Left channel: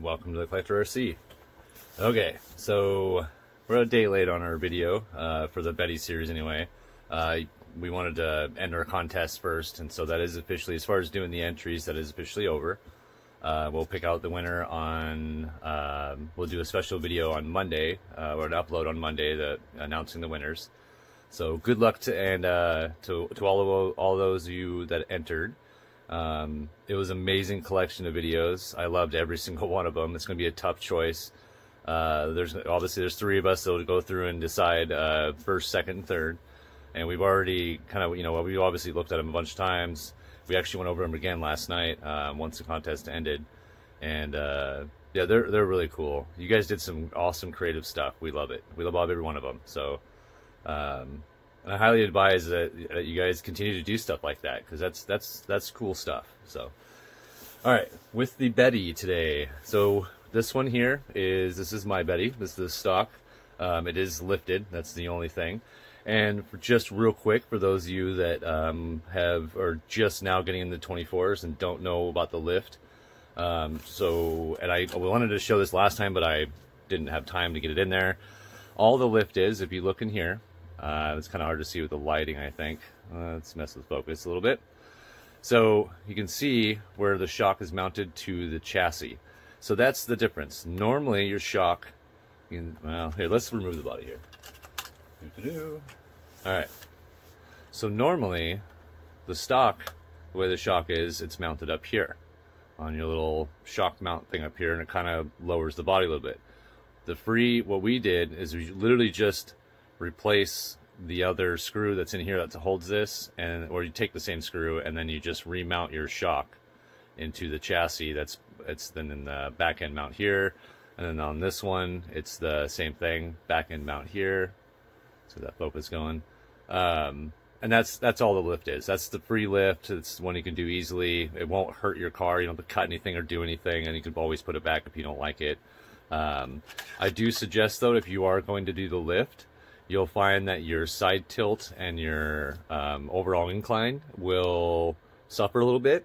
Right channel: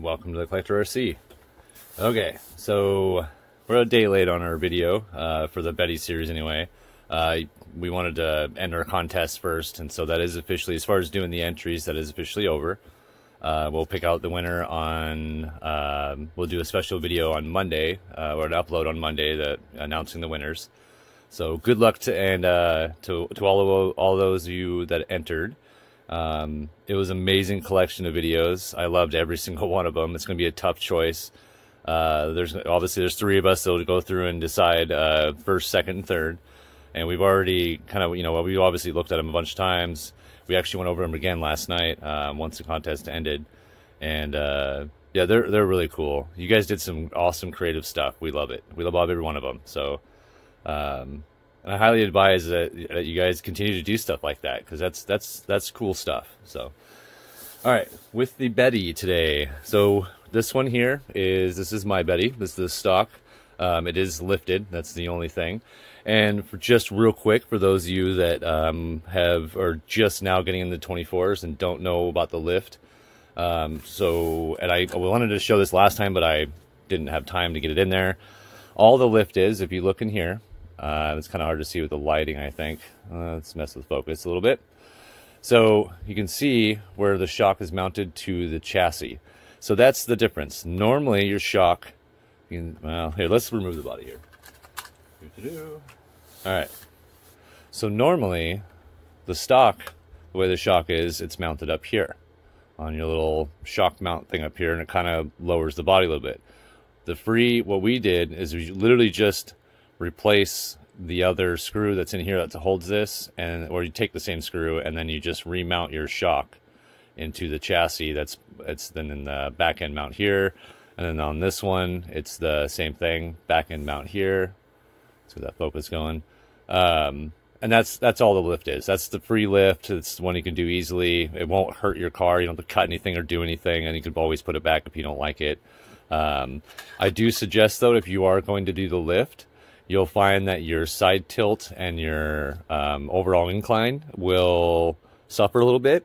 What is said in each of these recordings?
and welcome to the Collector RC. Okay, so we're a day late on our video for the Betty series anyway. We wanted to end our contest first, and so that is officially, as far as doing the entries, that is officially over. We'll pick out the winner on, we'll do a special video on Monday, or an upload on Monday that announcing the winners. So good luck to all those of you that entered. It was an amazing collection of videos. I loved every single one of them. It's going to be a tough choice. There's three of us that will go through and decide first, second, and third. And we've already kind of, we've obviously looked at them a bunch of times. We actually went over them again last night once the contest ended. And yeah, they're really cool. You guys did some awesome creative stuff. We love it. We love every one of them. So and I highly advise that you guys continue to do stuff like that, because that's cool stuff. So, all right, with the Betty today. So this one here this is my Betty. This is the stock. It is lifted. That's the only thing. And for just real quick, for those of you that are just now getting into 24s and don't know about the lift, and I wanted to show this last time, but I didn't have time to get it in there. All the lift is, if you look in here. It's kind of hard to see with the lighting, I think. Let's mess with focus a little bit. So you can see where the shock is mounted to the chassis. So that's the difference. Normally your shock, well, here, let's remove the body here. All right. So normally the stock, the way the shock is, it's mounted up here on your little shock mount thing up here, and it kind of lowers the body a little bit. What we did is we literally just replace the other screw that's in here that holds this, or you take the same screw and then you just remount your shock into the chassis. It's then in the back end mount here, and then on this one it's the same thing, back end mount here. So that focus going, and that's all the lift is. That's the free lift. It's one you can do easily. It won't hurt your car. You don't have to cut anything or do anything, and you can always put it back if you don't like it. I do suggest, though, if you are going to do the lift, you'll find that your side tilt and your overall incline will suffer a little bit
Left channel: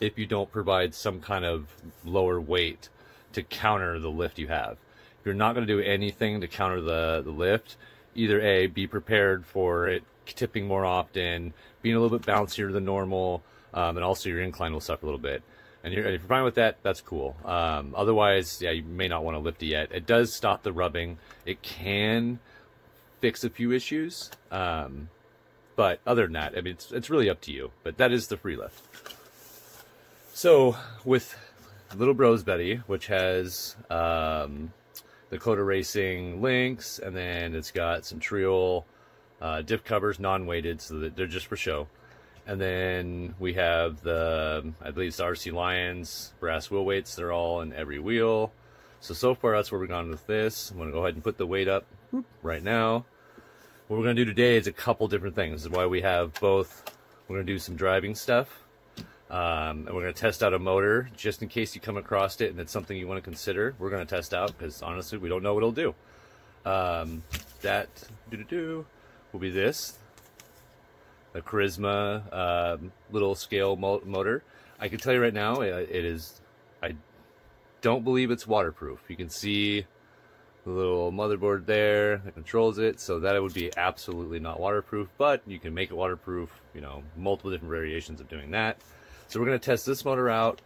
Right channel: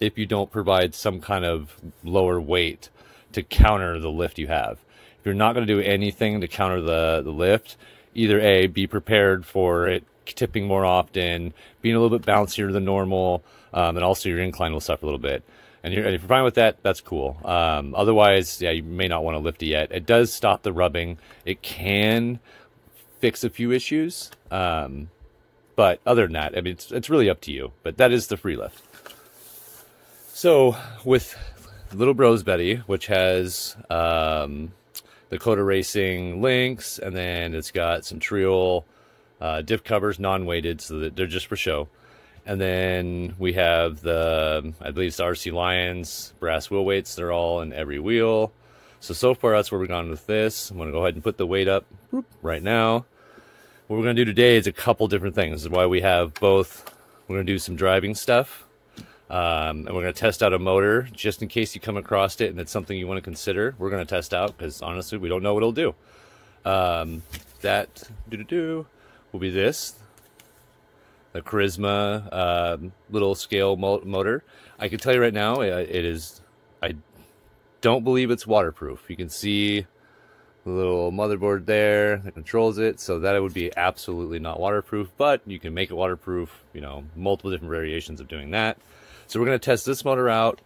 if you don't provide some kind of lower weight to counter the lift you have. If you're not going to do anything to counter the lift, either A, be prepared for it tipping more often, being a little bit bouncier than normal, and also your incline will suffer a little bit. And if you're fine with that, that's cool. Otherwise, yeah, you may not want to lift it yet. It does stop the rubbing. It can fix a few issues, but other than that, I mean, it's really up to you. But that is the free lift. So with Little Bros Betty, which has the Coda Racing links, and then it's got some Triol diff covers, non-weighted, so that they're just for show. And then we have I believe it's the RC Lions brass wheel weights. They're all in every wheel. So far that's where we're going with this. I'm going to go ahead and put the weight up right now. What we're going to do today is a couple different things. This is why we have both. We're going to do some driving stuff. And we're going to test out a motor just in case you come across it and it's something you want to consider. We're going to test out because honestly we don't know what it'll do. That will be this. The Charisma little scale motor. I can tell you right now, it is, I don't believe it's waterproof. You can see the little motherboard there that controls it, so that it would be absolutely not waterproof, but you can make it waterproof, multiple different variations of doing that. So we're going to test this motor out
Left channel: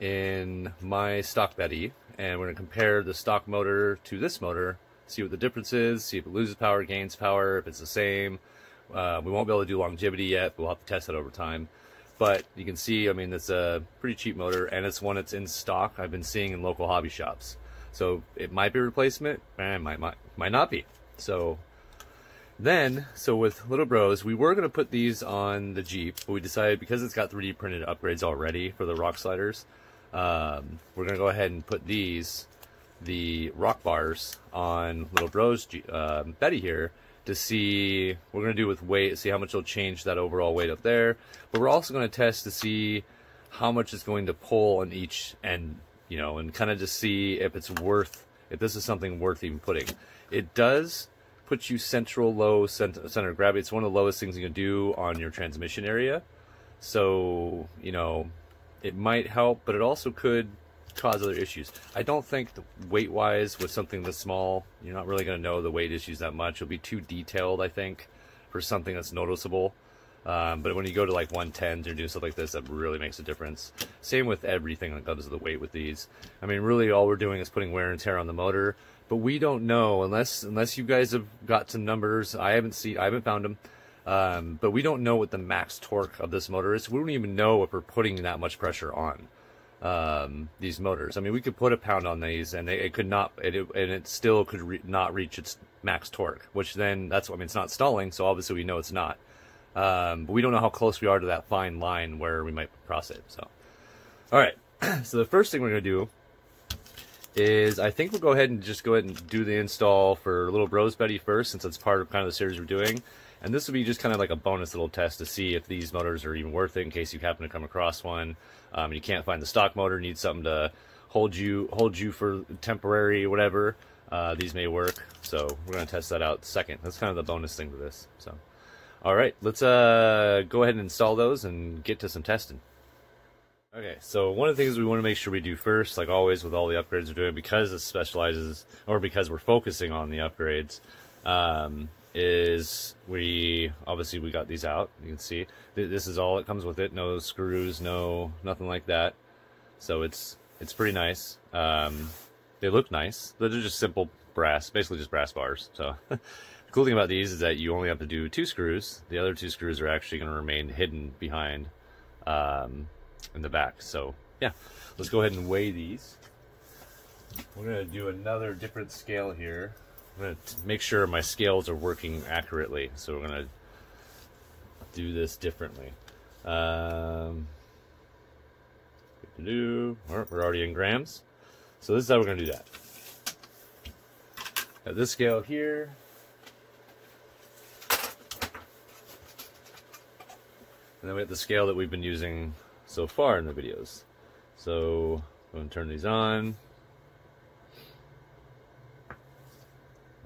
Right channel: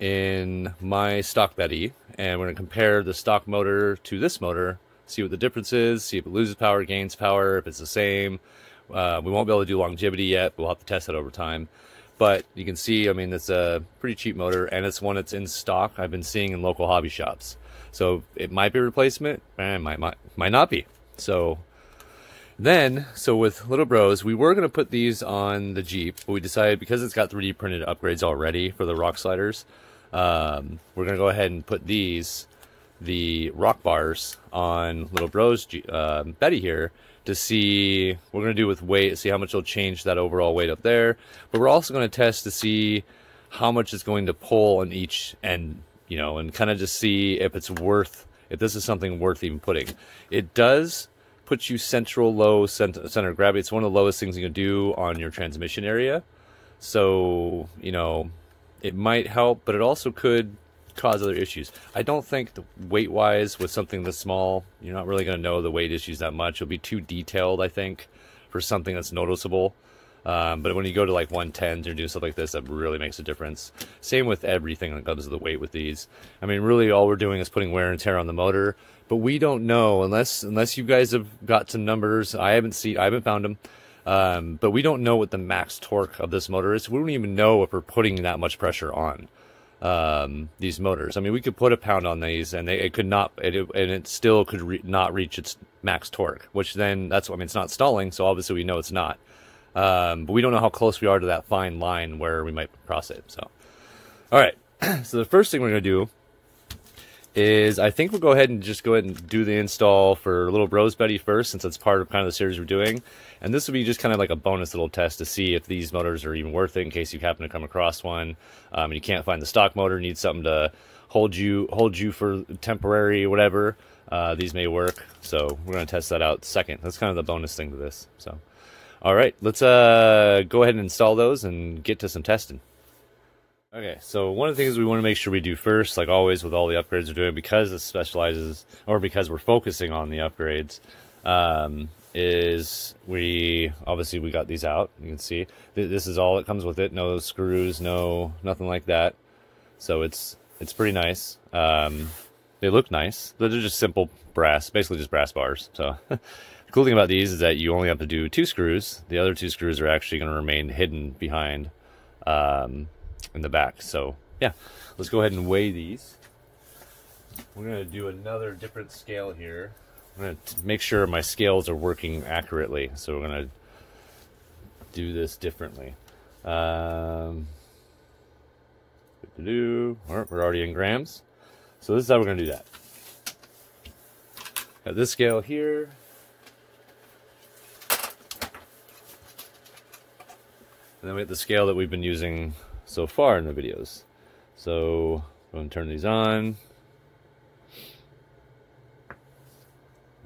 in my stock Betty, and we're going to compare the stock motor to this motor, see what the difference is, see if it loses power, gains power, if it's the same. We won't be able to do longevity yet. We'll have to test it over time. But you can see, I mean, it's a pretty cheap motor, and it's one that's in stock I've been seeing in local hobby shops. So it might be a replacement, and might not be. So with Little Bros, we were going to put these on the Jeep, but we decided because it's got 3D printed upgrades already for the rock sliders, we're going to go ahead and put the rock bars on Little Bros Betty here, to see what we're going to do with weight, see how much it'll change that overall weight up there. But we're also going to test to see how much it's going to pull on each end, and kind of just see if it's worth, if this is something worth even putting. It does put you low center of gravity. It's one of the lowest things you can do on your transmission area. So, it might help, but it also could cause other issues. I don't think weight-wise with something this small, you're not really going to know the weight issues that much. It'll be too detailed, I think, for something that's noticeable. But when you go to like 110s or do stuff like this, that really makes a difference. Same with everything that comes to the weight with these. I mean, really all we're doing is putting wear and tear on the motor, but we don't know unless you guys have got some numbers. I haven't found them. But we don't know what the max torque of this motor is. We don't even know if we're putting that much pressure on these motors. I mean, we could put a pound on these, and it still could not reach its max torque. Which then I mean, it's not stalling, so obviously we know it's not. But we don't know how close we are to that fine line where we might cross it. So, all right. So the first thing we're gonna do is I think we'll go ahead and do the install for Little Bros Betty first, since it's part of kind of the series we're doing. And this will be just kind of like a bonus little test to see if these motors are even worth it in case you happen to come across one. And you can't find the stock motor, need something to hold you for temporary whatever. These may work. So we're going to test that out second. That's kind of the bonus thing to this. So, all right, let's go ahead and install those and get to some testing. Okay, so one of the things we want to make sure we do first, like always with all the upgrades we're doing, because it specializes, or because we're focusing on the upgrades, is we got these out. You can see this is all it comes with it. No screws, nothing like that. So it's pretty nice. They look nice. They're just simple brass, basically just brass bars. So the cool thing about these is that you only have to do 2 screws. The other 2 screws are actually going to remain hidden behind in the back. So yeah, let's go ahead and weigh these. We're going to do another different scale here. I'm going to make sure my scales are working accurately, so we're going to do this differently. We're already in grams, so this is how we're going to do that. Got this scale here. And then we have the scale that we've been using so far in the videos. So I'm going to turn these on.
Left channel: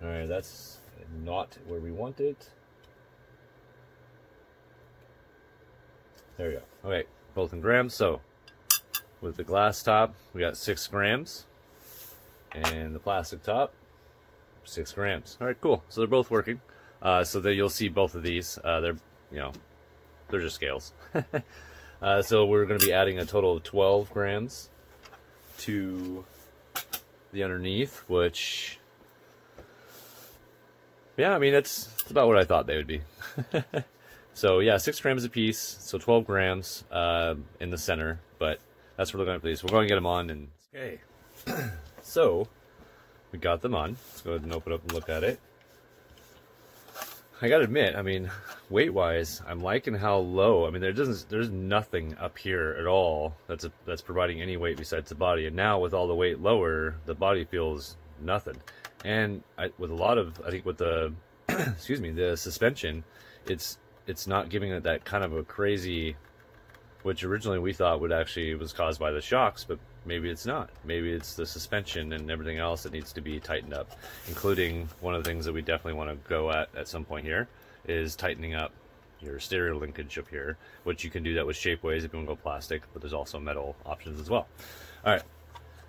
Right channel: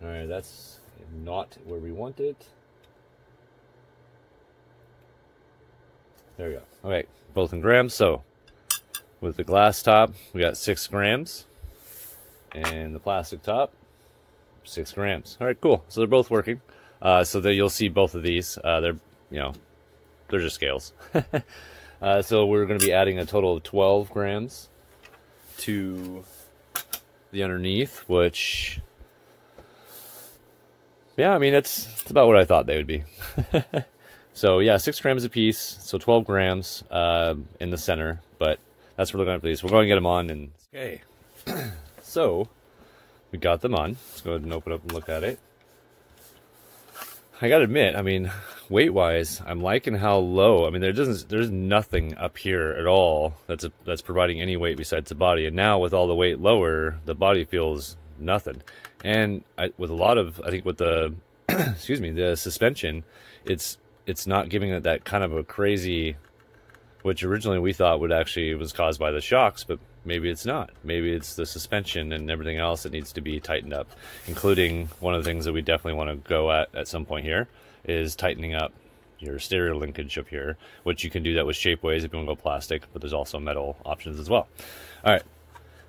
Alright, that's not where we want it. There we go. Okay, both in grams. So with the glass top, we got 6 grams. And the plastic top, 6 grams. Alright, cool. So they're both working. So that you'll see both of these. They're just scales. So we're going to be adding a total of 12 grams to the underneath, which... yeah, I mean, that's about what I thought they would be. So yeah, 6 grams a piece, so 12 grams in the center, but that's what we're going for these. We're going to get them on, and okay. So we got them on. Let's go ahead and open up and look at it. I gotta admit, I mean, weight-wise, I'm liking how low. I mean, there's nothing up here at all that's providing any weight besides the body. And now with all the weight lower, the body feels nothing. And with a lot of, I think with the, excuse me, the suspension, it's not giving it that kind of a crazy, which originally we thought was caused by the shocks, but maybe it's not. Maybe it's the suspension and everything else that needs to be tightened up, including one of the things that we definitely want to go at some point here is tightening up your stereo linkage up here, which you can do that with Shapeways if you want to go plastic, but there's also metal options as well. All right,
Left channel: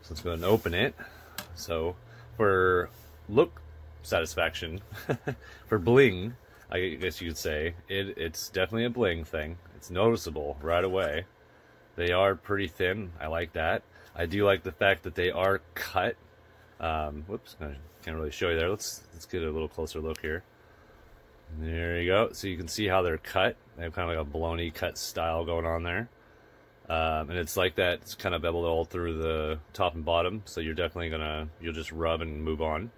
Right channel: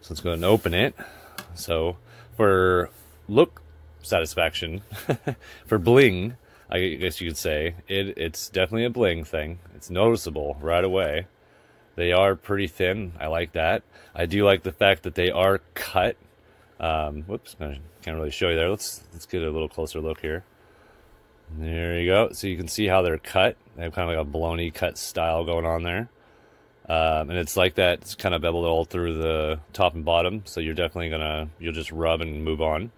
so let's go ahead and open it. So for look satisfaction, for bling, I guess you could say, it's definitely a bling thing. It's noticeable right away. They are pretty thin. I like that. I do like the fact that they are cut. Whoops, I can't really show you there. Let's get a little closer look here. There you go. So you can see how they're cut. They have kind of like a baloney cut style going on there. And it's like that. It's kind of beveled all through the top and bottom. So you're definitely you'll just rub and move on.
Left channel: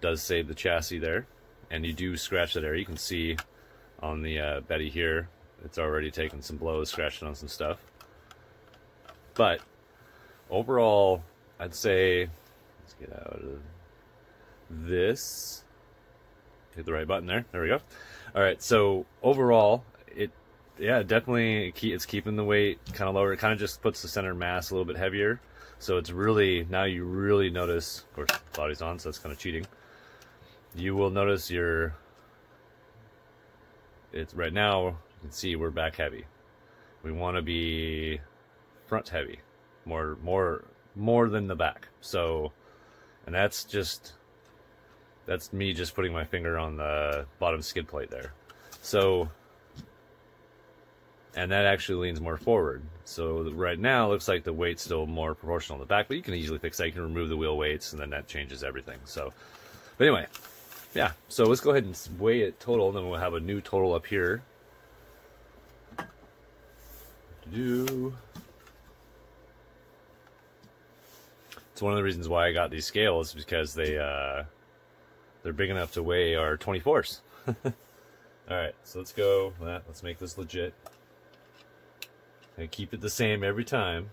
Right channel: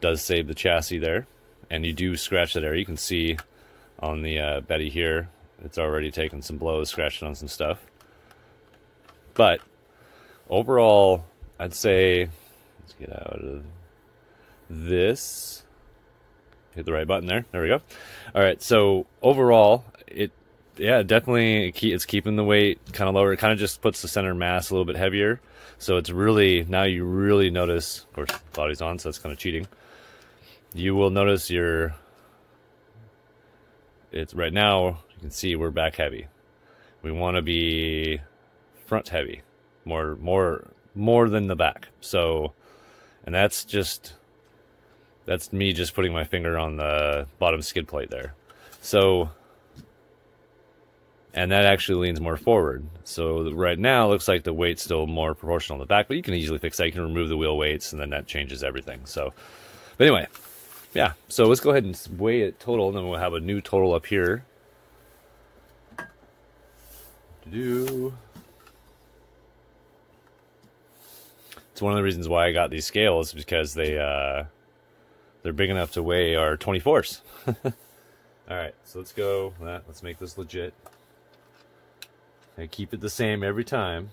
Does save the chassis there. And you do scratch that area. You can see on the Betty here, it's already taken some blows, scratching on some stuff. But overall, I'd say, let's get out of this. Hit the right button there. There we go. All right. So overall, definitely it's keeping the weight kind of lower. It kind of just puts the center mass a little bit heavier. So it's really, now you really notice, of course, body's on, so that's kind of cheating. You will notice it's right now, you can see we're back heavy. We want to be front heavy, more more than the back. So, and that's me just putting my finger on the bottom skid plate there. So, and that actually leans more forward. So right now it looks like the weight's still more proportional on the back, but you can easily fix that. You can remove the wheel weights, and then that changes everything. So, but anyway, yeah. So let's go ahead and weigh it total, and then we'll have a new total up here. It's one of the reasons why I got these scales, because they're big enough to weigh our 24s. All right, so let's go. Let's make this legit. And keep it the same every time.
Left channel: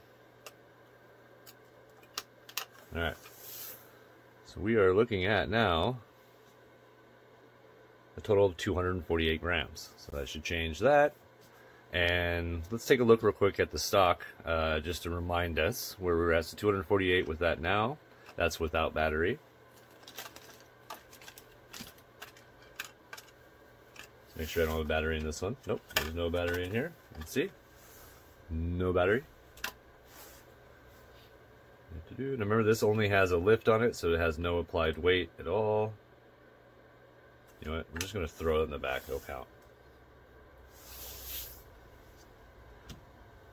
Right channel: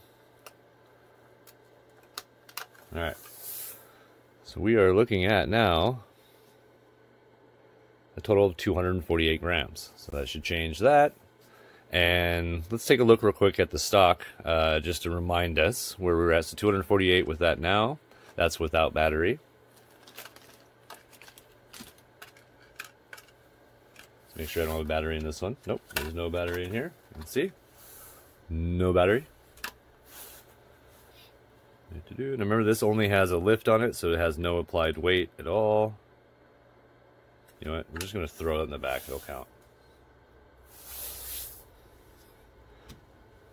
All right. So we are looking at now a total of 248 grams. So that should change that. And let's take a look real quick at the stock, just to remind us where we're at. So 248 with that now. That's without battery. Let's make sure I don't have a battery in this one. Nope, there's no battery in here. You can see. No battery. And remember, this only has a lift on it, so it has no applied weight at all. You know what? We're just going to throw it in the back. It'll count.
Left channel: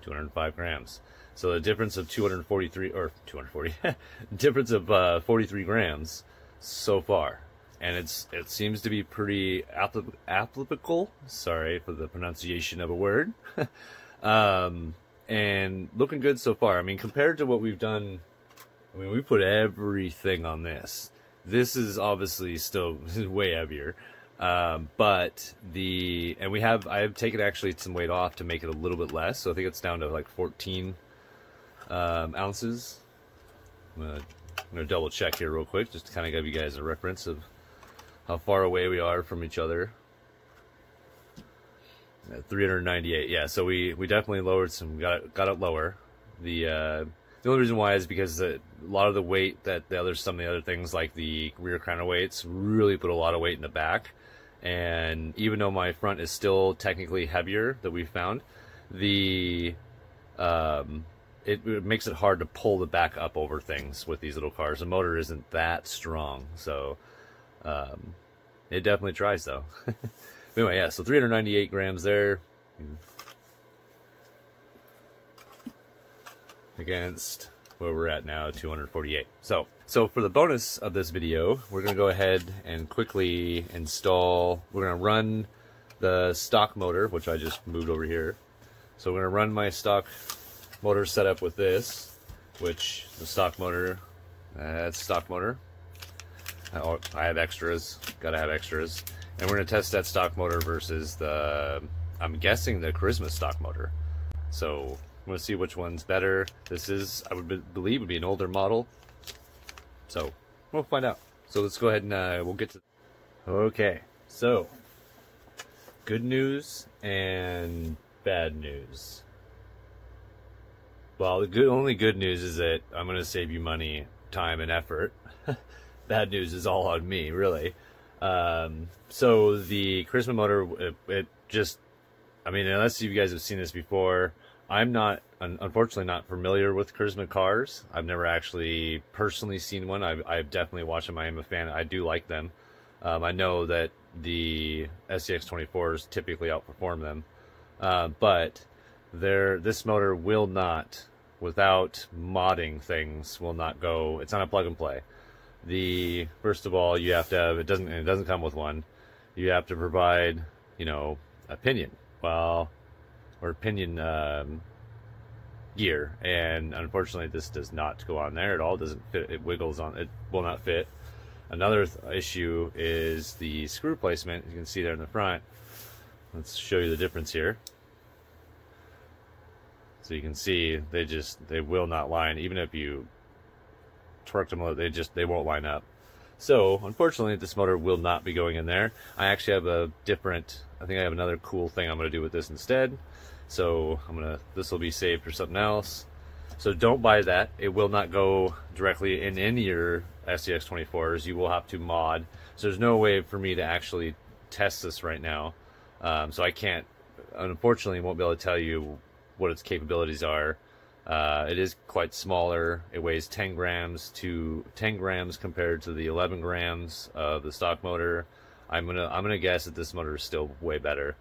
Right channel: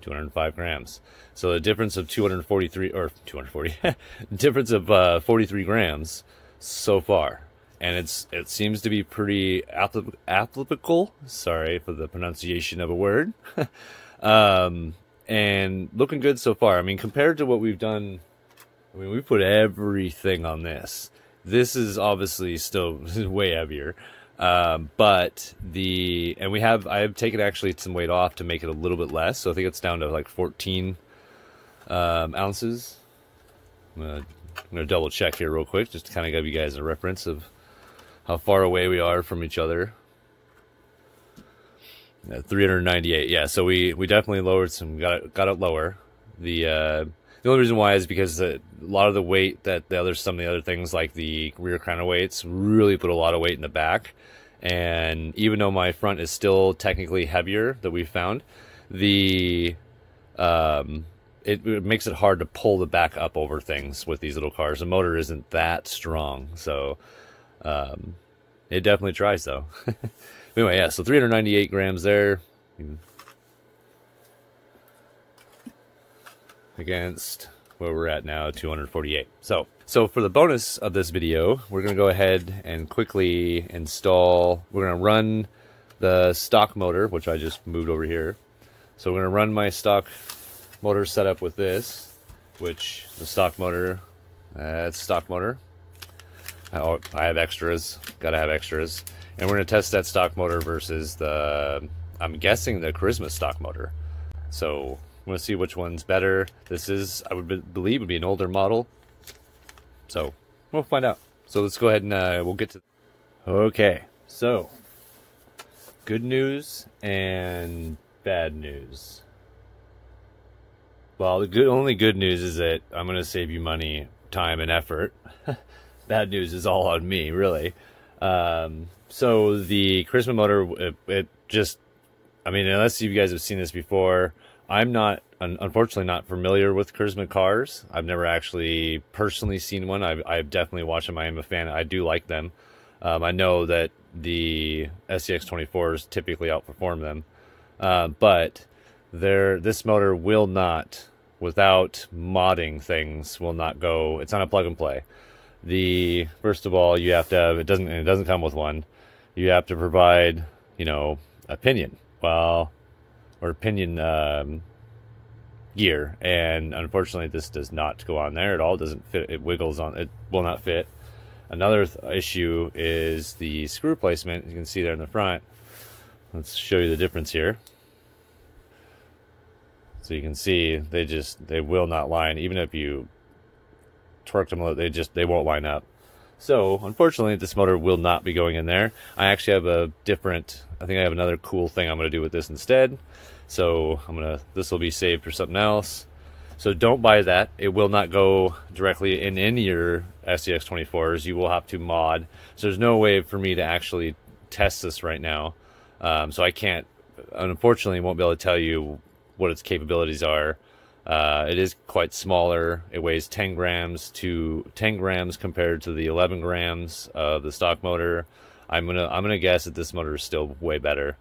205 grams. So the difference of 240 difference of 43 grams so far, and it seems to be pretty applicable. Sorry for the pronunciation of a word. And looking good so far. I mean, compared to what we've done, I mean, we put everything on this. This is obviously still way heavier. But I have taken actually some weight off to make it a little bit less. So I think it's down to like 14 ounces. I'm gonna double check here real quick, just to kind of give you guys a reference of how far away we are from each other. 398. Yeah, so we definitely lowered some, got it lower. The only reason why is because a lot of the weight that some of the other things like the rear counterweights really put a lot of weight in the back. And even though my front is still technically heavier that we found, it makes it hard to pull the back up over things with these little cars. The motor isn't that strong, so it definitely tries though. Anyway, yeah, so 398 grams there against where we're at now, 248. So for the bonus of this video, we're going to go ahead and quickly install, we're going to run the stock motor, which I just moved over here. So we're going to run my stock motor setup with this, which the stock motor, it's stock motor. I have extras, gotta have extras. And we're going to test that stock motor versus I'm guessing the Charisma stock motor. So I'm going to see which one's better. This is, I would believe, would be an older model. So we'll find out. So let's go ahead and we'll get to... Okay, so good news and bad news. Well, the only good news is that I'm going to save you money, time, and effort. Bad news is all on me, really. So the Charisma motor, it just, I mean, unless you guys have seen this before, I'm not, unfortunately not familiar with Charisma cars. I've never actually personally seen one. I've definitely watched them. I am a fan. I do like them. I know that the SCX24s typically outperform them. But this motor will not, without modding things, will not go, it's not a plug and play. First of all, you have to have, it doesn't come with one. You have to provide, you know, a pinion, or pinion gear, and unfortunately this does not go on there at all. It doesn't fit. It wiggles on, it will not fit. Another issue is the screw placement. You can see there in the front. Let's show you the difference here. So you can see they will not line. Even if you torque them, they won't line up. So unfortunately this motor will not be going in there. I actually have a different, I think I have another cool thing I'm going to do with this instead. So this will be saved for something else. So don't buy that. It will not go directly in any of your SCX24s. You will have to mod. So there's no way for me to actually test this right now. So I can't, unfortunately, won't be able to tell you what its capabilities are It is quite smaller. It weighs 10 grams compared to the 11 grams of the stock motor. I'm gonna guess that this motor is still way better.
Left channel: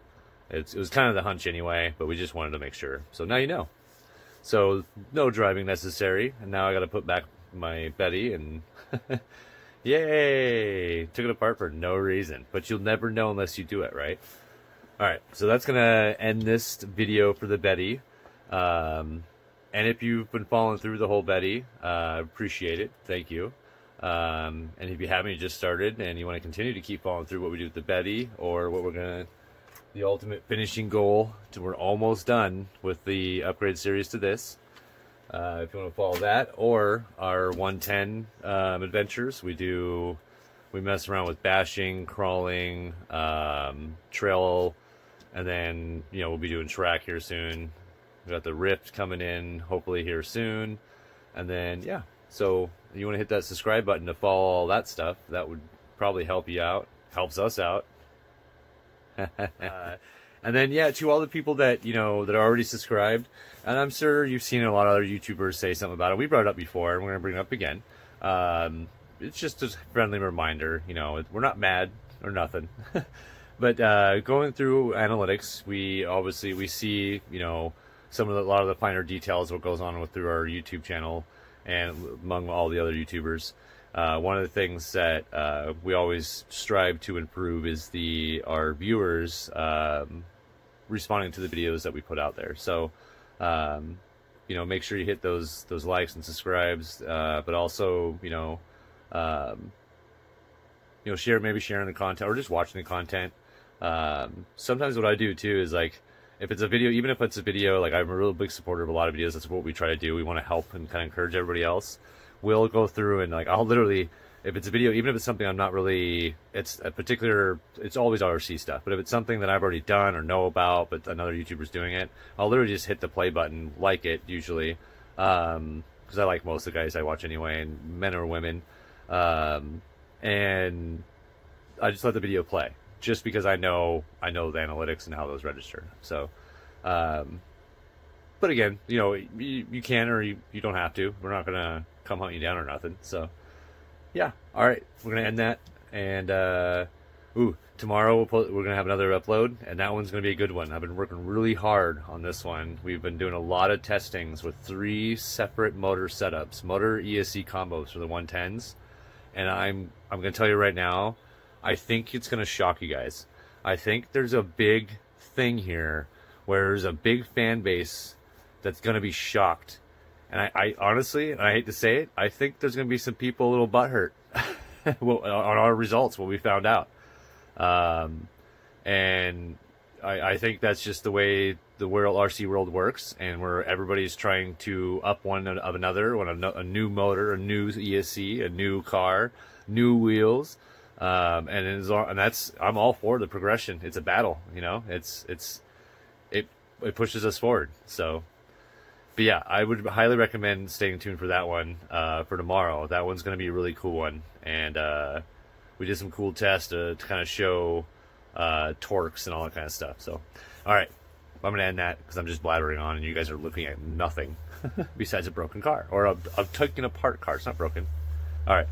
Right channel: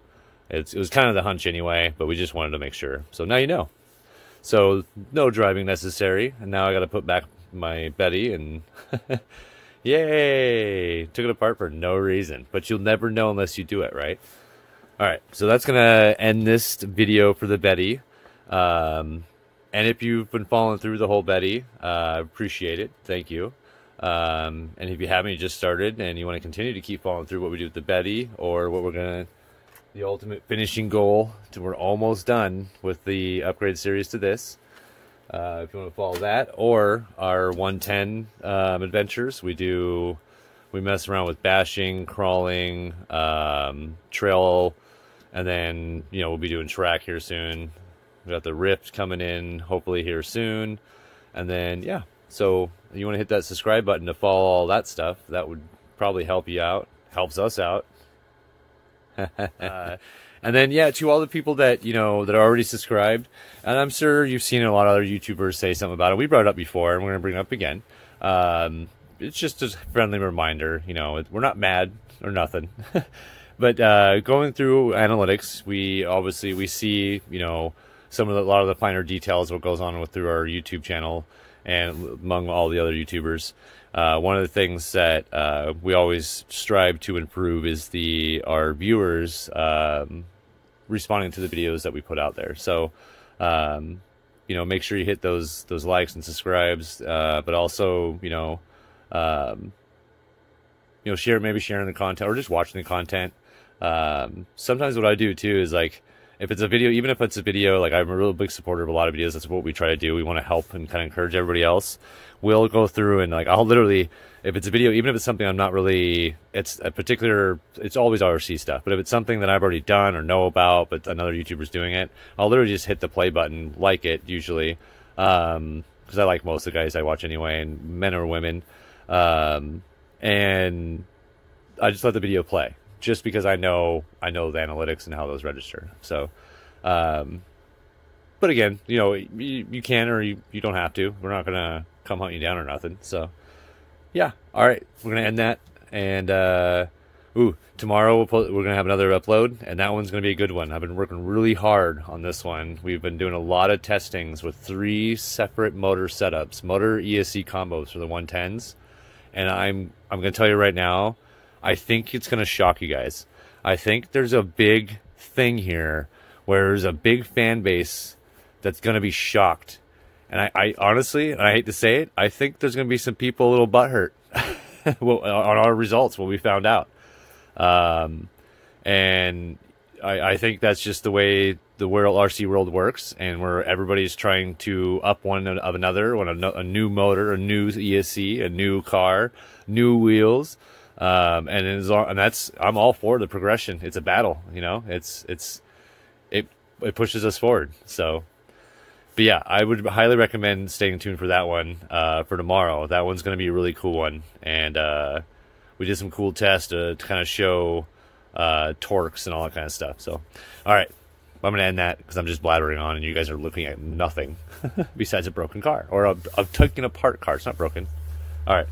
It was kind of the hunch anyway, but we just wanted to make sure. So now you know. So no driving necessary, and now I got to put back my Betty, and yay! Took it apart for no reason, but you'll never know unless you do it, right? All right, so that's gonna end this video for the Betty. And if you've been following through the whole Betty, appreciate it. Thank you. And if you haven't, you just started and you want to continue to keep following through what we do with the Betty, or what the ultimate finishing goal, we're almost done with the upgrade series to this. If you want to follow that, or our 110 adventures, we mess around with bashing, crawling, trail, and then, you know, we'll be doing track here soon. We got the Rift coming in, hopefully here soon. And then, yeah, so you want to hit that subscribe button to follow all that stuff. That would probably help you out, helps us out. And then, yeah, to all the people that, you know, that are already subscribed, and I'm sure you've seen a lot of other YouTubers say something about it. We brought it up before, and we're going to bring it up again. It's just a friendly reminder, you know, we're not mad or nothing. But going through analytics, we see, you know, a lot of the finer details, what goes on through our YouTube channel and among all the other YouTubers. One of the things that we always strive to improve is our viewers responding to the videos that we put out there. So, you know, make sure you hit those likes and subscribes, but also, you know, maybe sharing the content or just watching the content. Sometimes what I do too is, like, if it's a video, even if it's a video, like, I'm a real big supporter of a lot of videos. That's what we try to do. We want to help and kind of encourage everybody else. We'll go through and, like, I'll literally, if it's a video, even if it's something I'm not really, it's always RC stuff. But if it's something that I've already done or know about, but another YouTuber's doing it, I'll literally just hit the play button, like it usually, because I like most of the guys I watch anyway, and men or women, and I just let the video play, just because I know the analytics and how those register. So, but again, you know, you can, or you don't have to. We're not gonna come hunt you down or nothing. So, yeah. All right, we're gonna end that, and tomorrow we're gonna have another upload, and that one's gonna be a good one. I've been working really hard on this one. We've been doing a lot of testings with 3 separate motor setups, motor ESC combos for the 110s, and I'm gonna tell you right now, I think it's going to shock you guys. I think there's a big thing here where there's a big fan base that's going to be shocked. And I honestly, and I hate to say it, I think there's going to be some people a little butthurt on our results, what we found out. And I think that's just the way the RC world works, and where everybody's trying to up one of another, a new motor, a new ESC, a new car, new wheels. And I'm all for the progression. It's a battle, you know. It pushes us forward. So, but yeah, I would highly recommend staying tuned for that one for tomorrow. That one's going to be a really cool one, and we did some cool tests to kind of show torques and all that kind of stuff. So, all right, I'm going to end that because I'm just blathering on, and you guys are looking at nothing besides a broken car or a taken apart car. It's not broken. All right.